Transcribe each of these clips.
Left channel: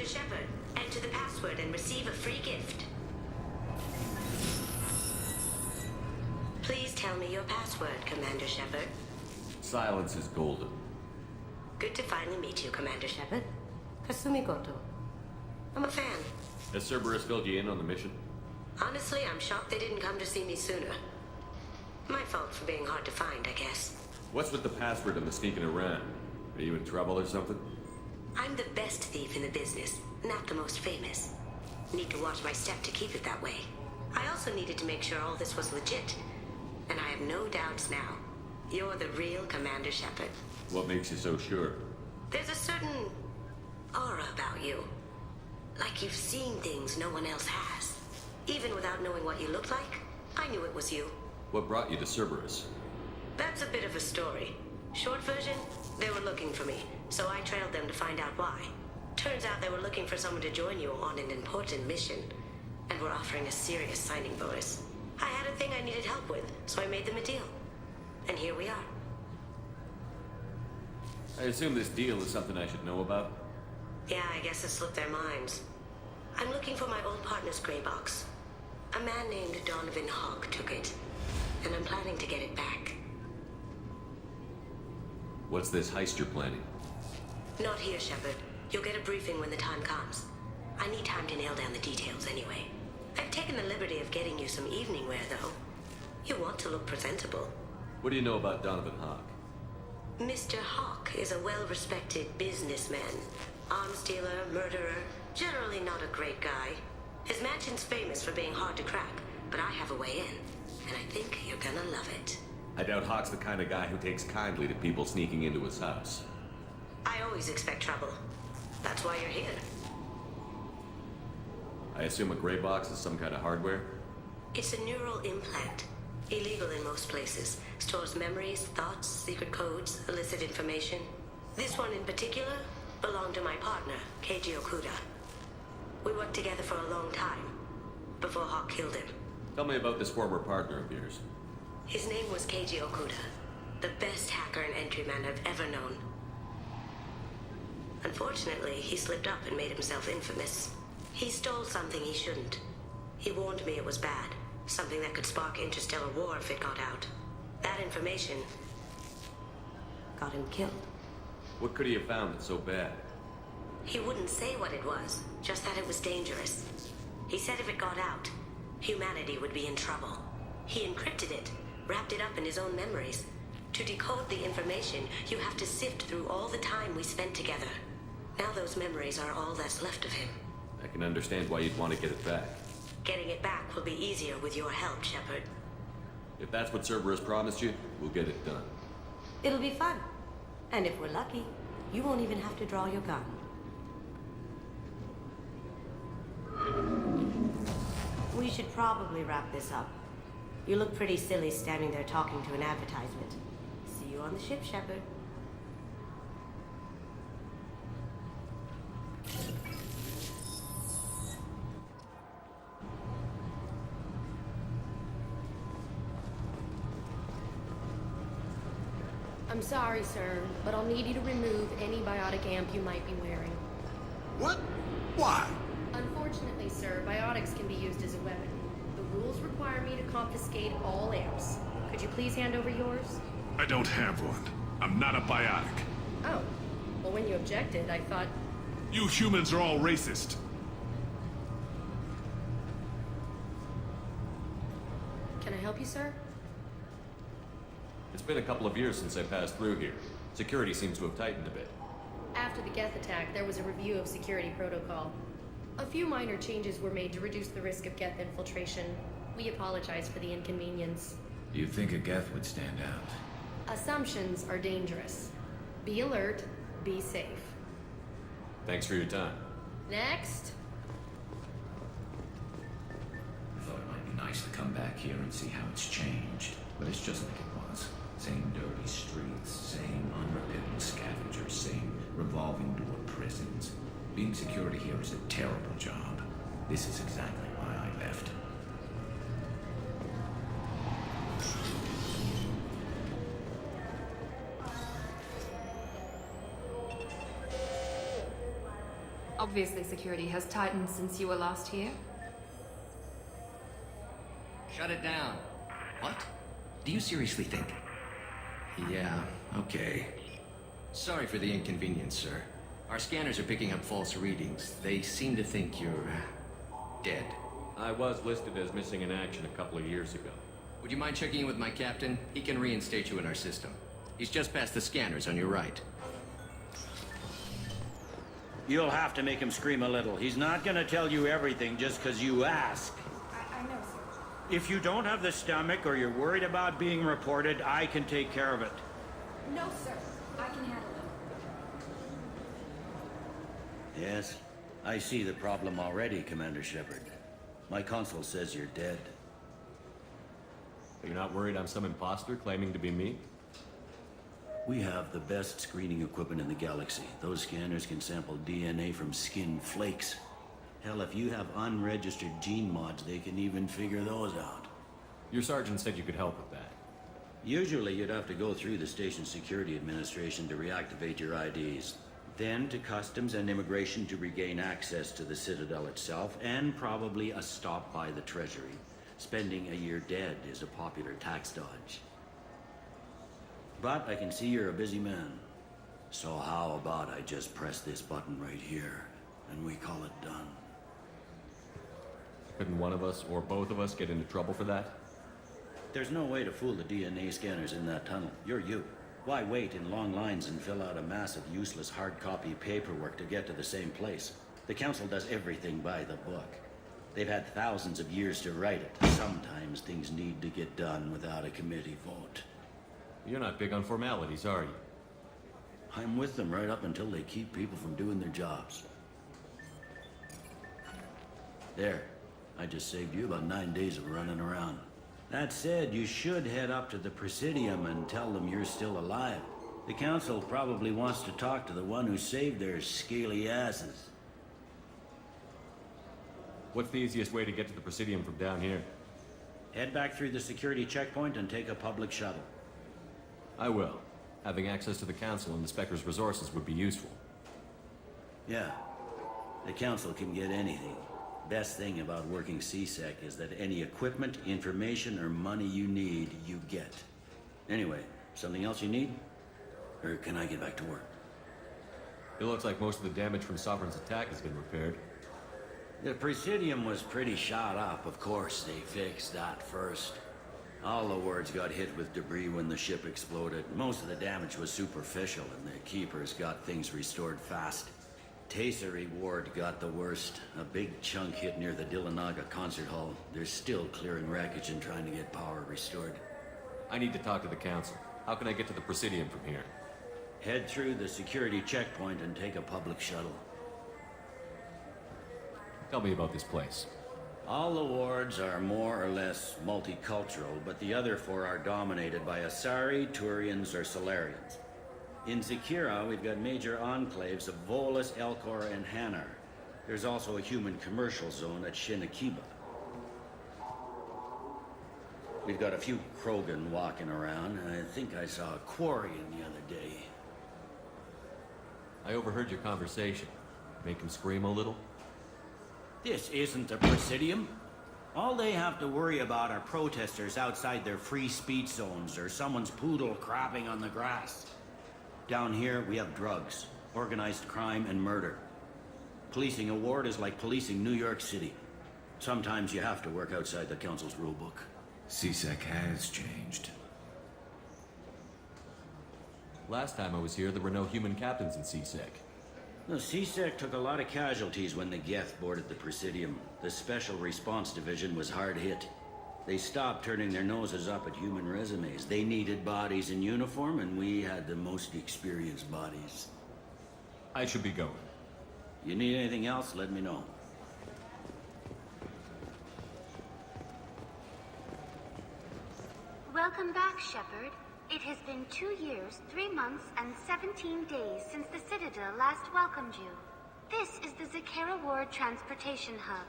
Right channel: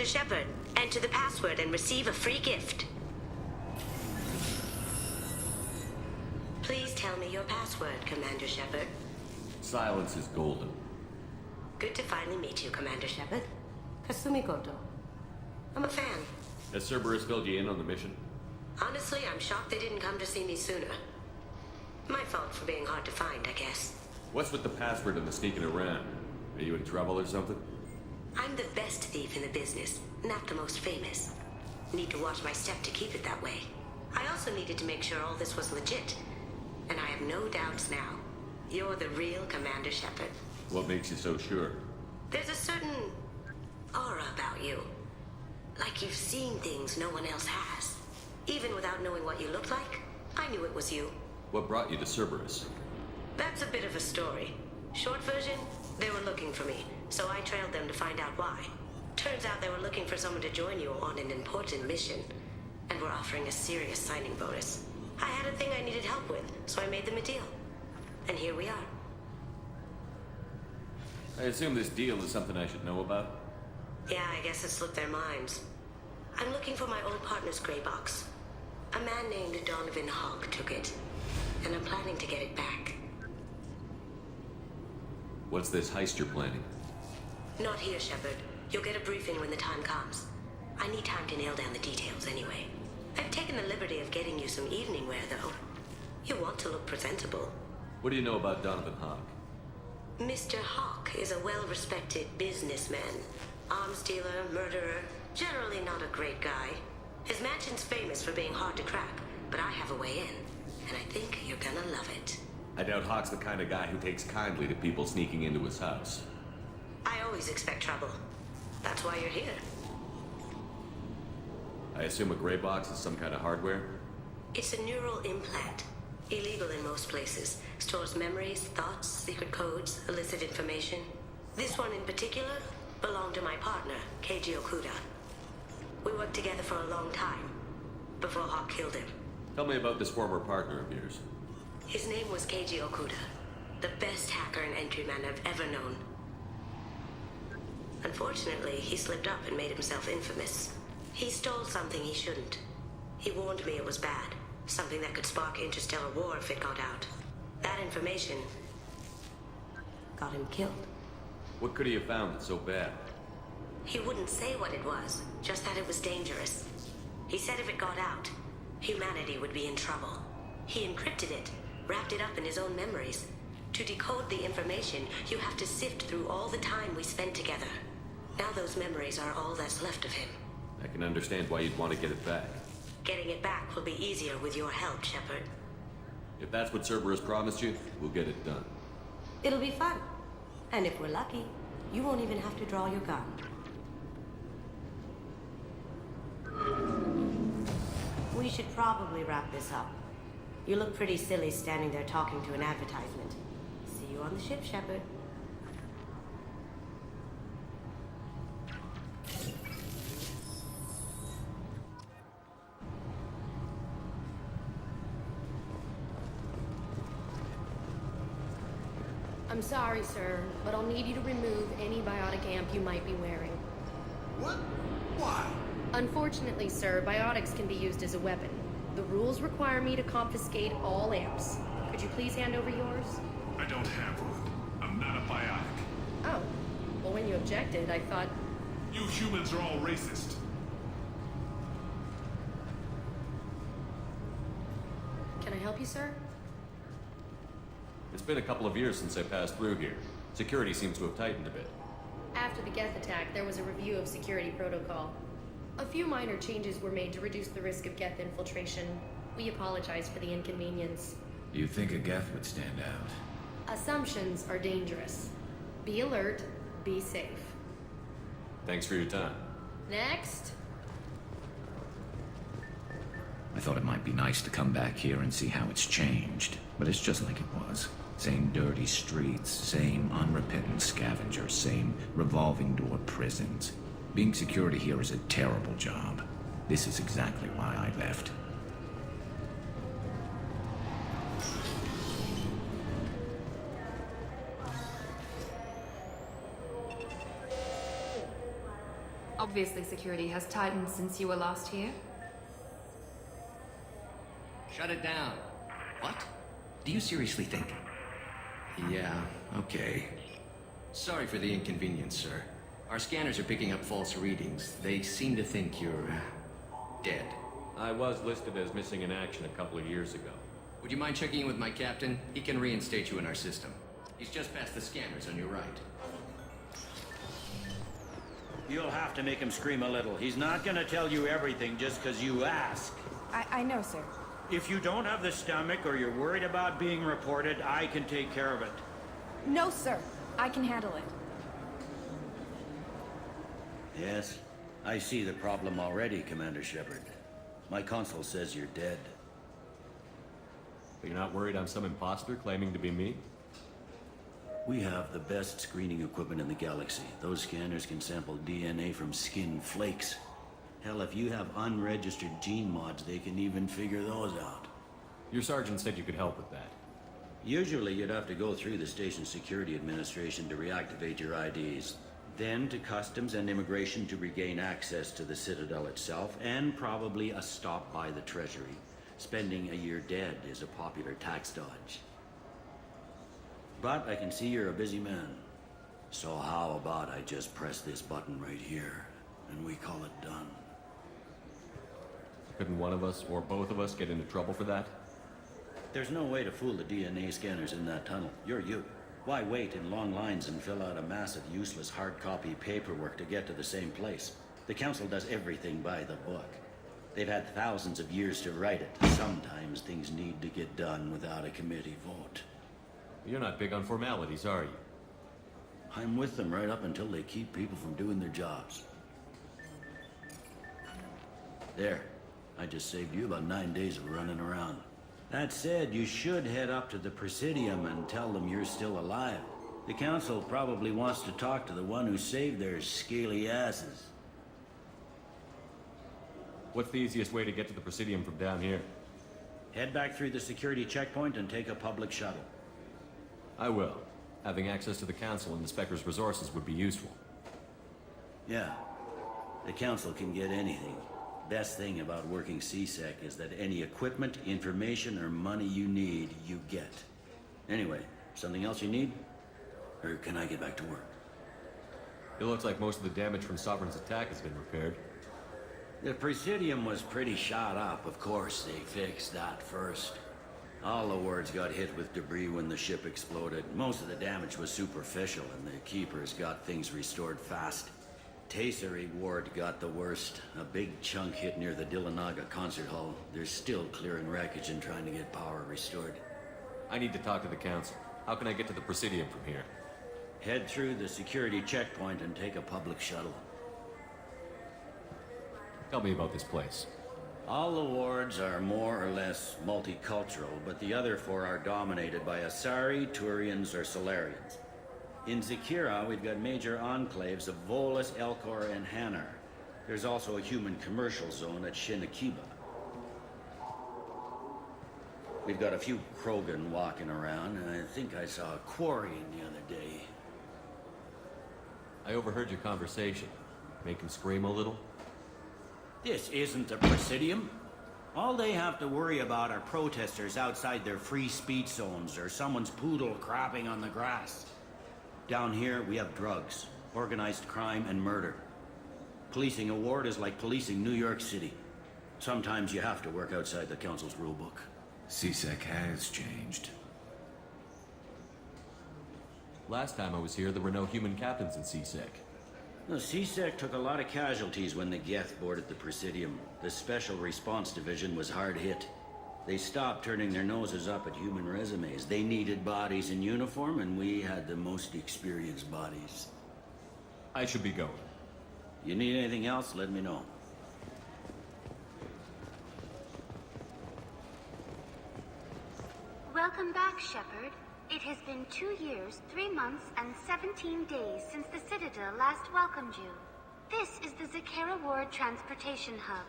Commander Shepard, enter the password and receive a free gift. Please tell me your password, Commander Shepard. Silence is golden. Good to finally meet you, Commander Shepard. Kasumi Goto. I'm a fan. Has Cerberus filled you in on the mission? Honestly, I'm shocked they didn't come to see me sooner. My fault for being hard to find, I guess. What's with the password and the sneaking around? Are you in trouble or something? I'm the best thief in the business, not the most famous. Need to watch my step to keep it that way. I also needed to make sure all this was legit. And I have no doubts now. You're the real Commander Shepard. What makes you so sure? There's a certain aura about you. Like you've seen things no one else has. Even without knowing what you looked like, I knew it was you. What brought you to Cerberus? That's a bit of a story. Short version, they were looking for me, so I trailed them to find out why. Turns out they were looking for someone to join you on an important mission, and were offering a serious signing bonus. I had a thing I needed help with, so I made them a deal. And here we are. I assume this deal is something I should know about? Yeah, I guess it slipped their minds. I'm looking for my old partner's gray box. A man named Donovan Hawk took it, and I'm planning to get it back. What's this heist you're planning? Not here, Shepard. You'll get a briefing when the time comes. I need time to nail down the details anyway. I've taken the liberty of getting you some evening wear, though. You want to look presentable. What do you know about Donovan Hawk? Mr. Hawk is a well-respected businessman. Arms dealer, murderer, generally not a great guy. His mansion's famous for being hard to crack, but I have a way in, and I think you're gonna love it. I doubt Hawk's the kind of guy who takes kindly to people sneaking into his house. I always expect trouble. That's why you're here. I assume a gray box is some kind of hardware? It's a neural implant. Illegal in most places. Stores memories, thoughts, secret codes, illicit information. This one in particular belonged to my partner, Keiji Okuda. We worked together for a long time, before Hawk killed him. Tell me about this former partner of yours. His name was Keiji Okuda, the best hacker and entryman I've ever known. Unfortunately, he slipped up and made himself infamous. He stole something he shouldn't. He warned me it was bad. Something that could spark interstellar war if it got out. That information got him killed. What could he have found that's so bad? He wouldn't say what it was, just that it was dangerous. He said if it got out, humanity would be in trouble. He encrypted it, wrapped it up in his own memories. To decode the information, you have to sift through all the time we spent together. Now those memories are all that's left of him. I can understand why you'd want to get it back. Getting it back will be easier with your help, Shepard. If that's what Cerberus promised you, we'll get it done. It'll be fun. And if we're lucky, you won't even have to draw your gun. We should probably wrap this up. You look pretty silly standing there talking to an advertisement. See you on the ship, Shepard. I'm sorry, sir, but I'll need you to remove any biotic amp you might be wearing. What? Why? Unfortunately, sir, biotics can be used as a weapon. The rules require me to confiscate all amps. Could you please hand over yours? I don't have one. I'm not a biotic. Oh. Well, when you objected, I thought... You humans are all racist. Can I help you, sir? It's been a couple of years since I passed through here. Security seems to have tightened a bit. After the Geth attack, there was a review of security protocol. A few minor changes were made to reduce the risk of Geth infiltration. We apologize for the inconvenience. You think a Geth would stand out? Assumptions are dangerous. Be alert, be safe. Thanks for your time. Next! I thought it might be nice to come back here and see how it's changed, but it's just like it was. Same dirty streets, same unrepentant scavengers, same revolving door prisons. Being security here is a terrible job. This is exactly why I left. Obviously, security has tightened since you were last here. Shut it down. What? Do you seriously think? Yeah, okay. Sorry for the inconvenience, sir. Our scanners are picking up false readings. They seem to think you're... dead. I was listed as missing in action a couple of years ago. Would you mind checking in with my captain? He can reinstate you in our system. He's just past the scanners on your right. You'll have to make him scream a little. He's not gonna tell you everything just because you ask. I know, sir. If you don't have the stomach or you're worried about being reported, I can take care of it. No, sir. I can handle it. Yes, I see the problem already, Commander Shepard. My console says you're dead. But you're not worried I'm some imposter claiming to be me? We have the best screening equipment in the galaxy. Those scanners can sample DNA from skin flakes. Hell, if you have unregistered gene mods, they can even figure those out. Your sergeant said you could help with that. Usually you'd have to go through the station security administration to reactivate your IDs. Then to customs and immigration to regain access to the Citadel itself, and probably a stop by the Treasury. Spending a year dead is a popular tax dodge. But I can see you're a busy man. So how about I just press this button right here, and we call it done? Couldn't one of us, or both of us, get into trouble for that? There's no way to fool the DNA scanners in that tunnel. You're you. Why wait in long lines and fill out a massive useless hard copy paperwork to get to the same place? The Council does everything by the book. They've had thousands of years to write it. Sometimes things need to get done without a committee vote. You're not big on formalities, are you? I'm with them right up until they keep people from doing their jobs. There. I just saved you about 9 days of running around. That said, you should head up to the Presidium and tell them you're still alive. The Council probably wants to talk to the one who saved their scaly asses. What's the easiest way to get to the Presidium from down here? Head back through the security checkpoint and take a public shuttle. I will. Having access to the Council and the Spectre's resources would be useful. Yeah. The Council can get anything. Best thing about working CSEC is that any equipment, information, or money you need, you get. Anyway, something else you need? Or can I get back to work? It looks like most of the damage from Sovereign's attack has been repaired. The Presidium was pretty shot up. Of course, they fixed that first. All the wards got hit with debris when the ship exploded. Most of the damage was superficial, and the Keepers got things restored fast. Tasery Ward got the worst. A big chunk hit near the Dillanaga concert hall. They're still clearing wreckage and trying to get power restored. I need to talk to the Council. How can I get to the Presidium from here? Head through the security checkpoint and take a public shuttle. Tell me about this place. All the wards are more or less multicultural, but the other four are dominated by Asari, Turians, or Solarians. In Zakira, we've got major enclaves of Volus, Elcor, and Hanar. There's also a human commercial zone at Shinakiba. We've got a few Krogan walking around, and I think I saw a Quarian the other day. I overheard your conversation. Make him scream a little? This isn't the Presidium. All they have to worry about are protesters outside their free speech zones or someone's poodle crapping on the grass. Down here, we have drugs, organized crime, and murder. Policing a ward is like policing New York City. Sometimes you have to work outside the Council's rulebook. CSEC has changed. Last time I was here, there were no human captains in CSEC. The CSEC took a lot of casualties when the Geth boarded the Presidium. The Special Response Division was hard hit. They stopped turning their noses up at human resumes. They needed bodies in uniform, and we had the most experienced bodies. I should be going. You need anything else, let me know. Welcome back, Shepard. It has been 2 years, 3 months, and 17 days since the Citadel last welcomed you. This is the Zakera Ward Transportation Hub.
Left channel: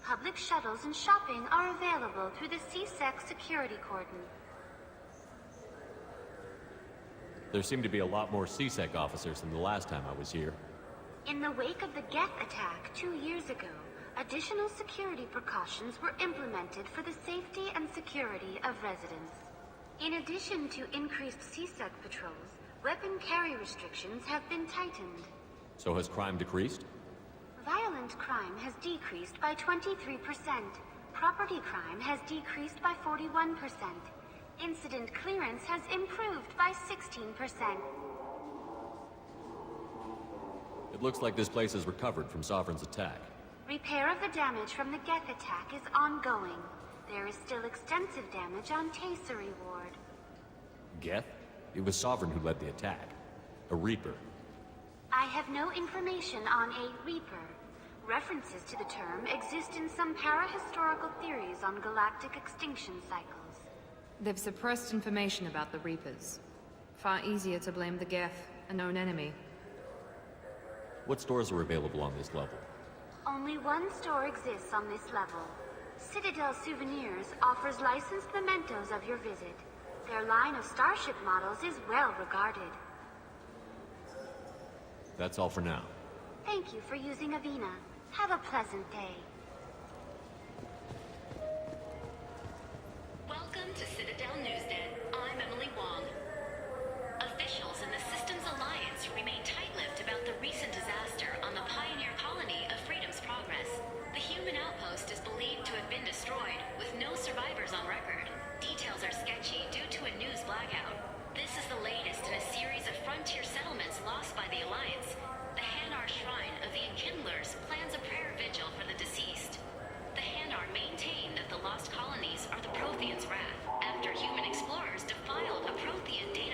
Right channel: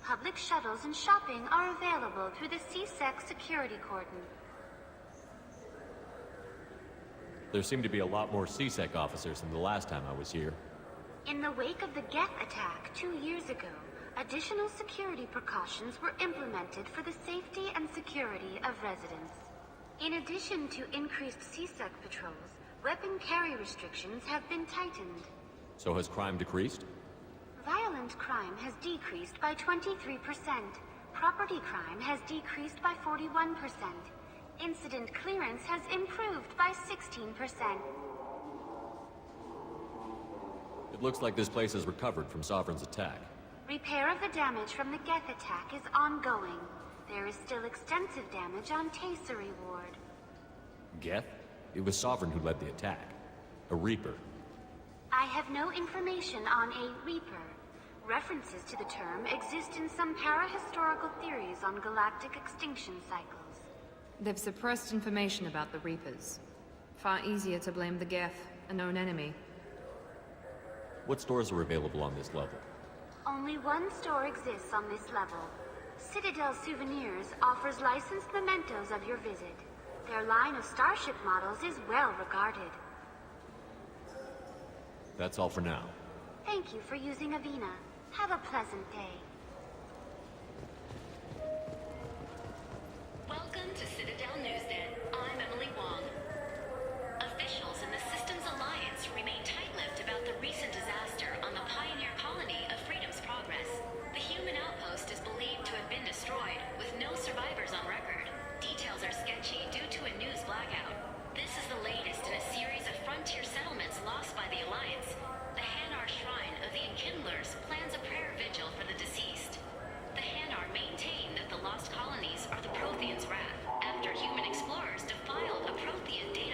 Public shuttles and shopping are available through the CSEC security cordon. There seem to be a lot more CSEC officers than the last time I was here. In the wake of the Geth attack 2 years ago, additional security precautions were implemented for the safety and security of residents. In addition to increased CSEC patrols, weapon carry restrictions have been tightened. So has crime decreased? Violent crime has decreased by 23%. Property crime has decreased by 41%. Incident clearance has improved by 16%. It looks like this place has recovered from Sovereign's attack. Repair of the damage from the Geth attack is ongoing. There is still extensive damage on Tasery Ward. Geth? It was Sovereign who led the attack. A Reaper. I have no information on a Reaper. References to the term exist in some parahistorical theories on galactic extinction cycles. They've suppressed information about the Reapers. Far easier to blame the Geth, a known enemy. What stores are available on this level? Only one store exists on this level. Citadel Souvenirs offers licensed mementos of your visit. Their line of starship models is well regarded. That's all for now. Thank you for using Avina. Have a pleasant day. Welcome to Citadel Newsnet. I'm Emily Wong. Officials in the Systems Alliance remain tight-lipped about the recent disaster on the Pioneer colony of Freedom's Progress. The human outpost is believed to have been destroyed, with no survivors on record. Details are sketchy due to a news blackout. This is the latest in a series of frontier settlements lost by the Alliance. The Hanar Shrine of the Enkindlers plans a prayer vigil for the deceased. The Hanar maintain that the lost colonies are the Protheans' wrath, after human explorers defiled a Prothean data